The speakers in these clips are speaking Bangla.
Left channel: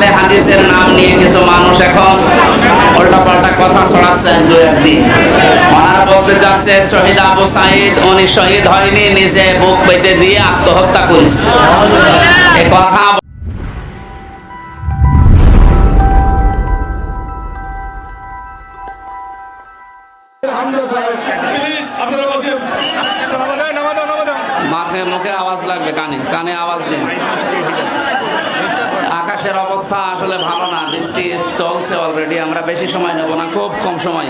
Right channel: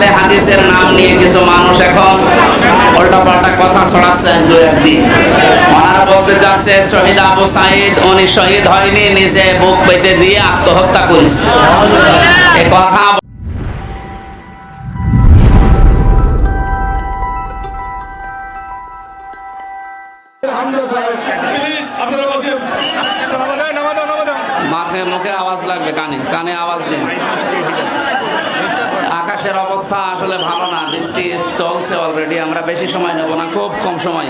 আহলে হাদিসের নাম নিয়ে কিছু মানুষ এখন উল্টা পাল্টা কথা ছড়াচ্ছে দু একদিন। ওনারা বলতে যাচ্ছে শহীদ আবু সাইদ, উনি শহীদ হয়নি, নিজে বুক পেতে দিয়ে আত্মহত্যা করেছে। এ কথা মাঠে মুখে আওয়াজ লাগবে, কানে কানে আওয়াজ দিন। অবস্থা আসলে ভালো না বৃষ্টি চলছে অলরেডি আমরা বেশি সময় নেব না খুব কম সময়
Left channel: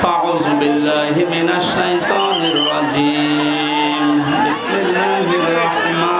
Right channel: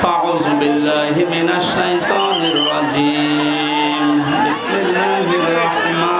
فأعوذ بالله من الشيطان الرجيم بسم الله الرحمن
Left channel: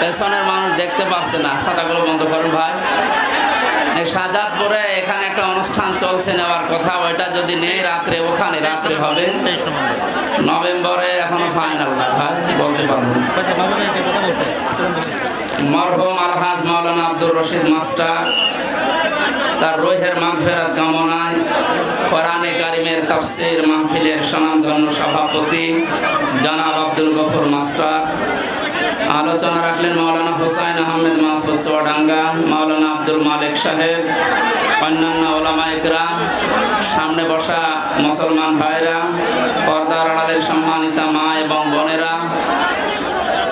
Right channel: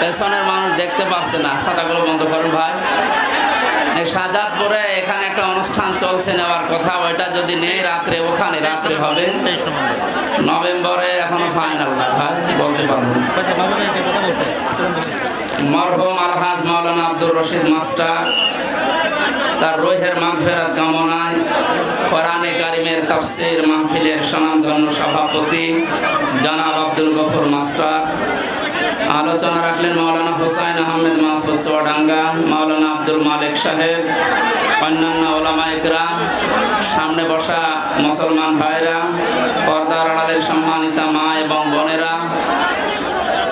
পেছনের মানুষ দেখতে পাচ্ছে না। ছাতাগুলো বন্ধ করেন ভাই। সাজাদপুরে এখানে একটা অনুষ্ঠান চলছে নেওয়ার কথা। ওইটা যদি নেই, রাত্রে ওখানে রাত্রে হবে। নভেম্বরে এখনও ফাইনাল না ভাই, বলতে পারব। মরহুম আলহাজ আব্দুর রশিদ মাস্টার, তার রোহের মাগফেরাত কামনায় কোরআনে কারিমের তাফসির মাহফিলের স্বনামধন্য সভাপতি জনাব আব্দুল গফর মাস্টার। আলোচনা রাখলেন মাওলানা হুসাইন আহমেদ মাহফুজ সোয়াডাঙ্গা, মাওলানা আব্দুল মালিক সাহেব, অন্যান্য ওলামা ইকরাম, সামনে বসা মুসলমান ভাইরা, পর্দার আড়ালের সম্মানিতা মা এবং বোনেরা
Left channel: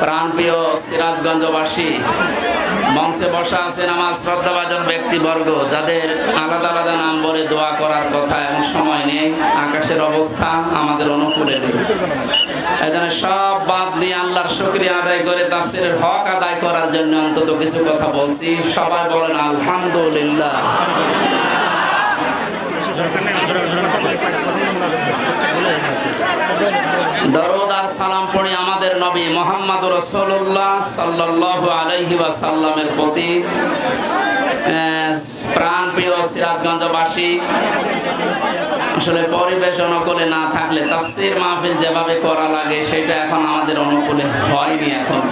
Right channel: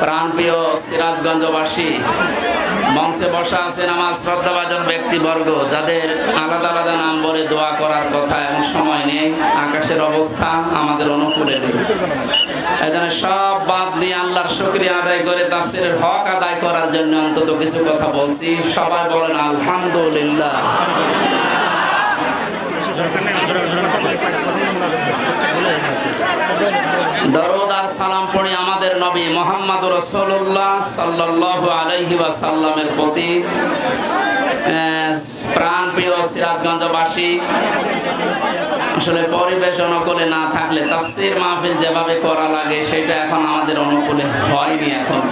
প্রাণপ্রিয় সিরাজগঞ্জবাসী, মঞ্চে বসা আছেন আমার শ্রদ্ধাভাজন ব্যক্তিবর্গ, যাদের আলাদা আলাদা নাম বলে দোয়া করার কথা এবং সময় নেই, আকাশের অবস্থা আমাদের অনুকূলে নেই। এখানে সব বাদ দিয়ে আল্লাহর শুক্রিয়া আদায় করে তাফসিরের হক আদায় করার জন্য অন্তত কিছু কথা বলছি। সবাই বলেন, আলহামদুলিল্লাহ। দরদ আর সালাম পড়ি আমাদের নবী মোহাম্মদ রসুল্লাহ সাল্লাহ আলহি সাল্লামের প্রতি। প্রাণ প্রিয় সিরাজগঞ্জবাসী, আসলে পরিবেশ অনুকূলে না থাকলে তাফসির মাহফিল যেভাবে করা লাগে, সেটা এখন আমাদের অনুকূলে হয়নি এখন।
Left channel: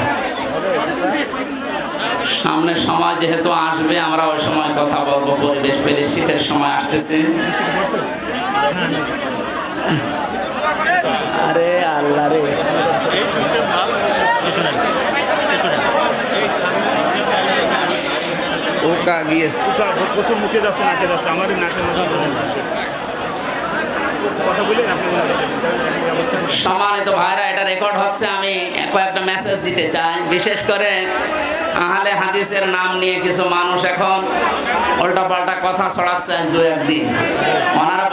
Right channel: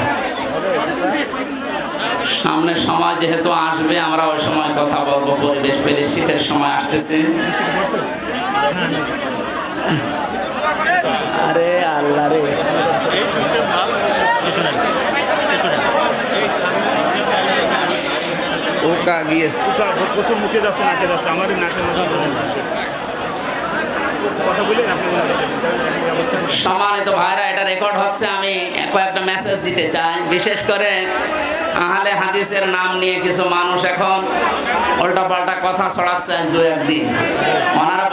সামনে সময় যেহেতু আসবে, আমরা ওই সময় কথা বলব, পরিবেশ পেলে শীতের সময় আসতেছে। আরে আল্লাহ রে। ভাইরা, এটা রেকর্ড হচ্ছে, আমি কয়েকটা মেসেজ দিতে চাই। বিশেষ করে আহলে হাদিসের নাম নিয়ে কিছু মানুষ এখন উল্টা পাল্টা কথা ছড়াচ্ছে দু একদিন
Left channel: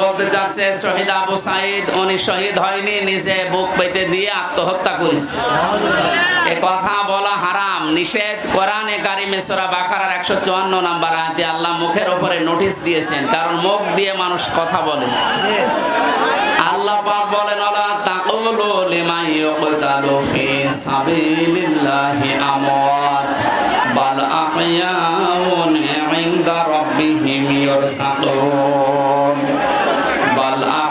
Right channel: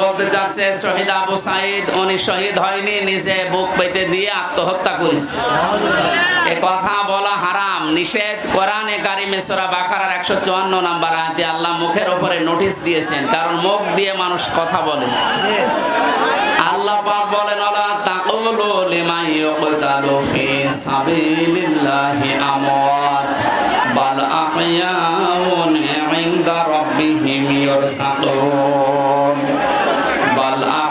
বলতে যাচ্ছে, শহীদ আবু সাইদ, উনি শহীদ হয়নি, নিজে বুক পেতে দিয়ে আত্মহত্যা করেছে। এ কথা বলা হারাম। নিষেধ, কোরআনে কারিমে সূরা বাকারার একশো চুয়ান্ন নাম্বার আয়াতে আল্লাহ মুখের উপরে নোটিশ দিয়েছেন, কারণ মুখ দিয়ে মানুষ কথা বলে। আল্লাহ পাক বলেন আলা তাকুলু লিমান ইউকতালু ফি সাবিলিল্লাহি আমওয়াত, বাল আহয়াউন ইনদা রাব্বিহিম ইরসাকুন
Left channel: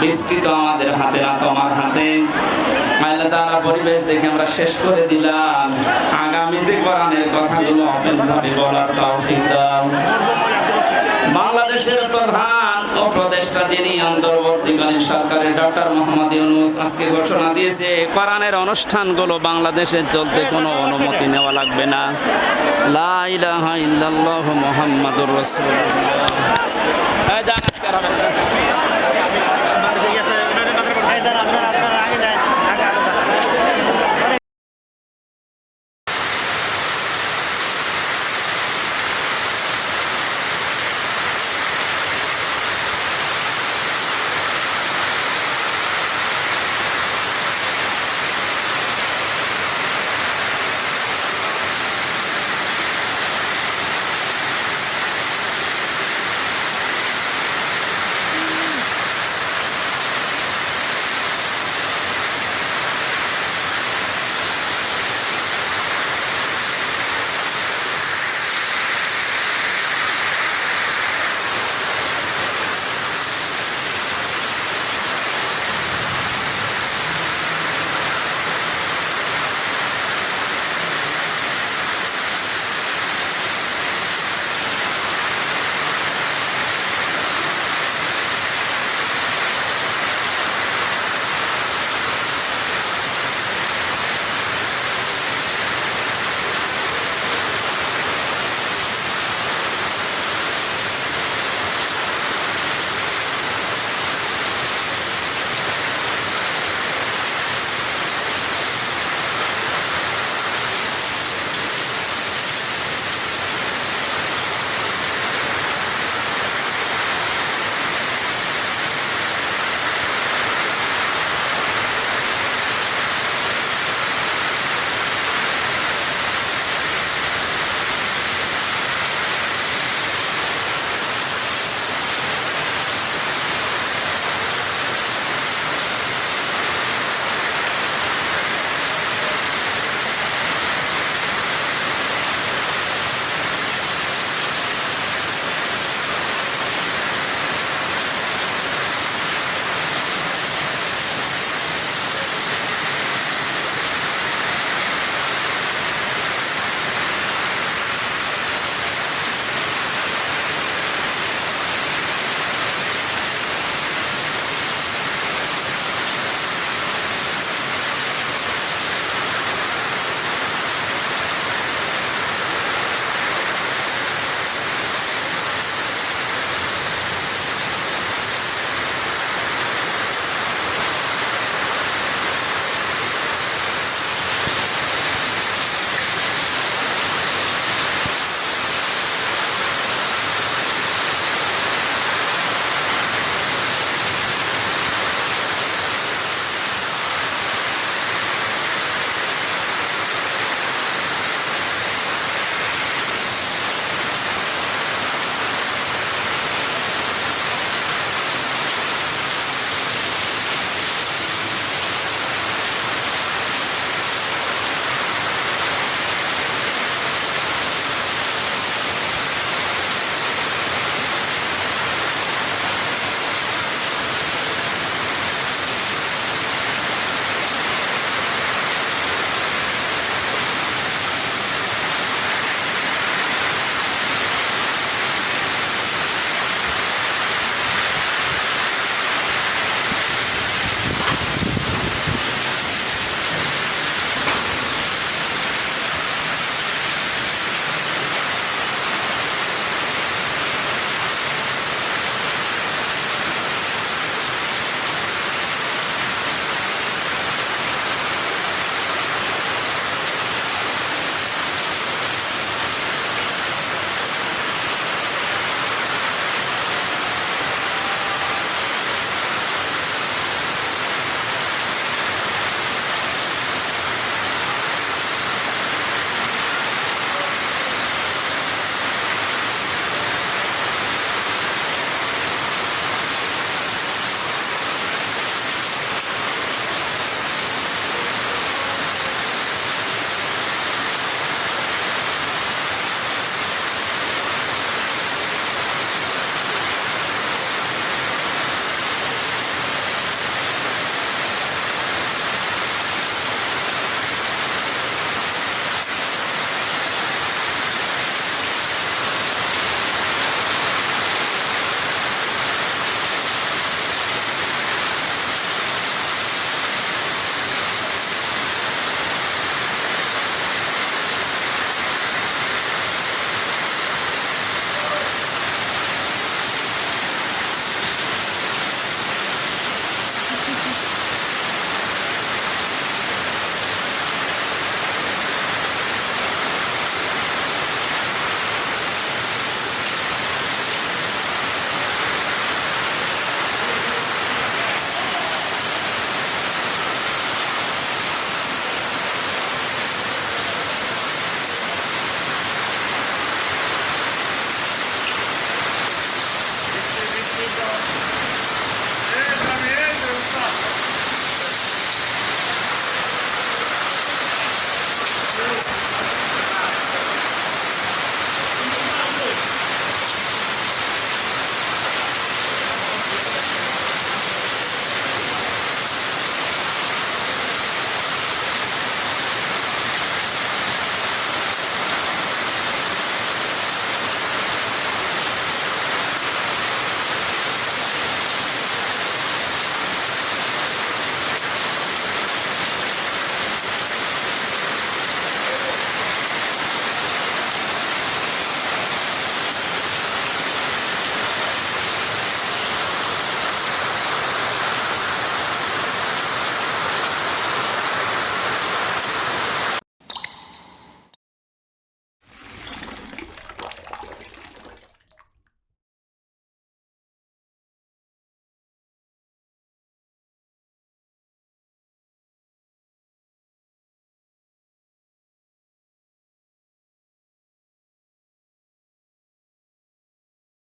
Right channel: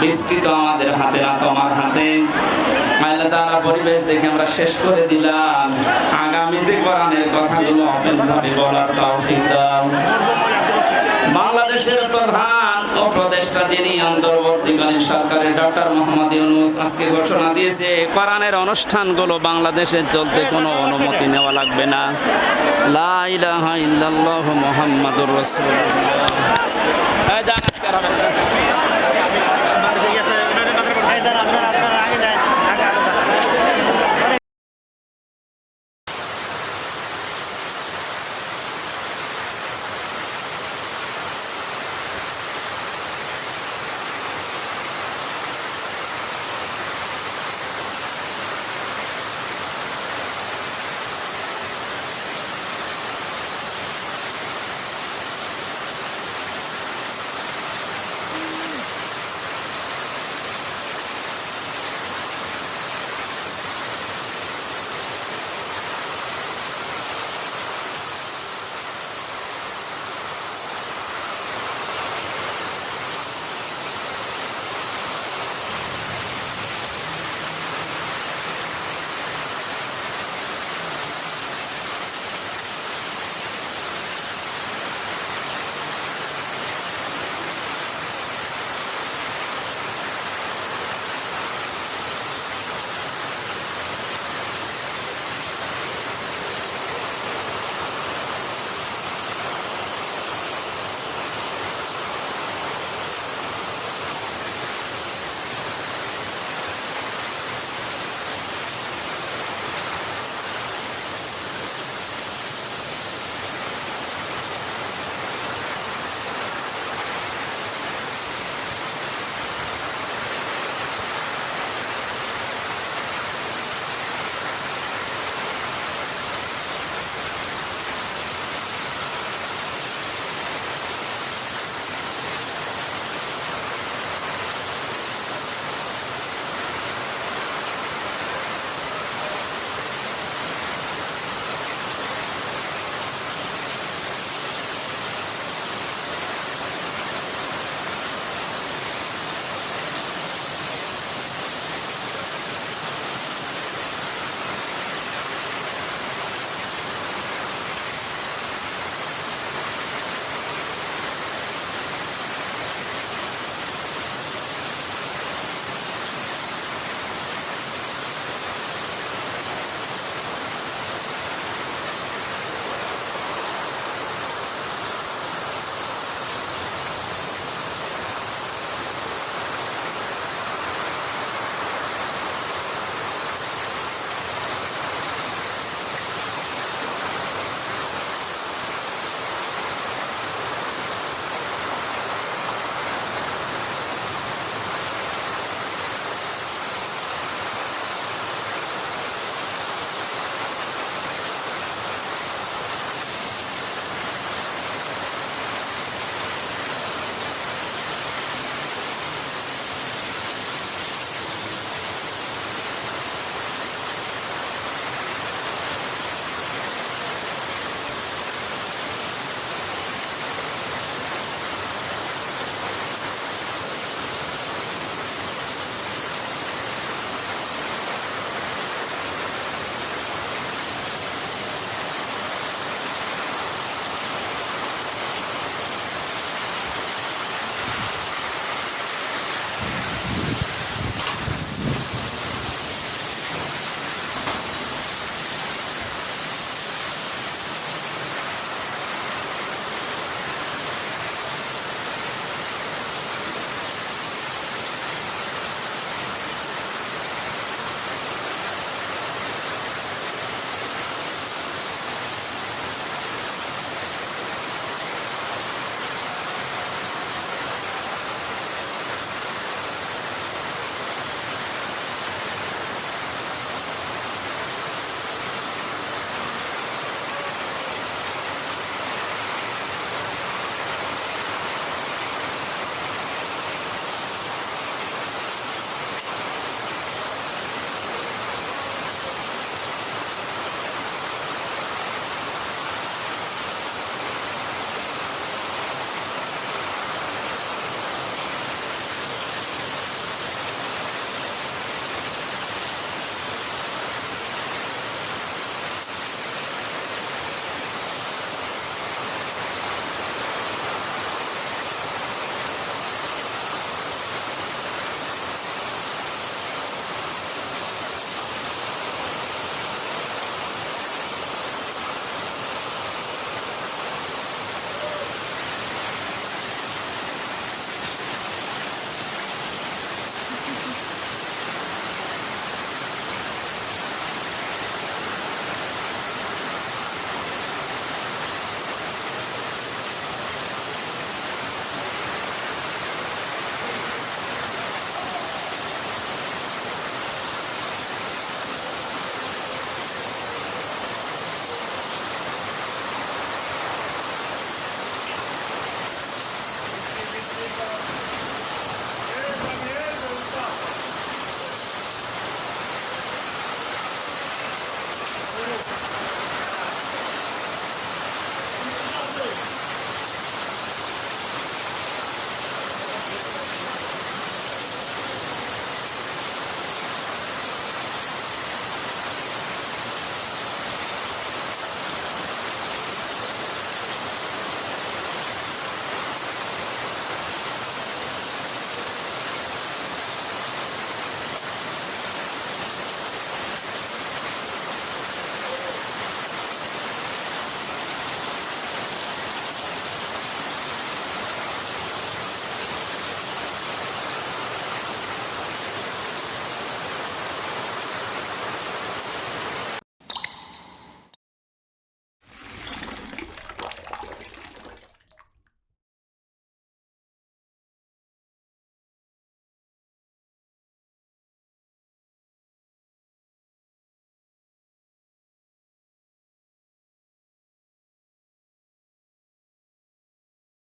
বৃষ্টি তো আমাদের হাতে না তোমার হাতে। আল্লাহ তাআলা পরিবেশ দেখে আমরা শেষ করে দিলাম। আগামীতে কোরআনের কথাগুলো বলার তৌফিক দাও। বাংলাদেশের প্রধান উপদেষ্টা যিনি অন্তর্বর্তীকালীন সরকারের ডক্টর মোহাম্মদ ইউনুস আজকে ঘোষণা দিয়েছে, কোরআনের অনুষ্ঠানগুলো বাংলাদেশে চলতে কোনো অনুমতি নেওয়া লাগবে না। লা ইলাহা ইল্লাল্লাহু মুহাম্মাদুর রাসূলুল্লাহ।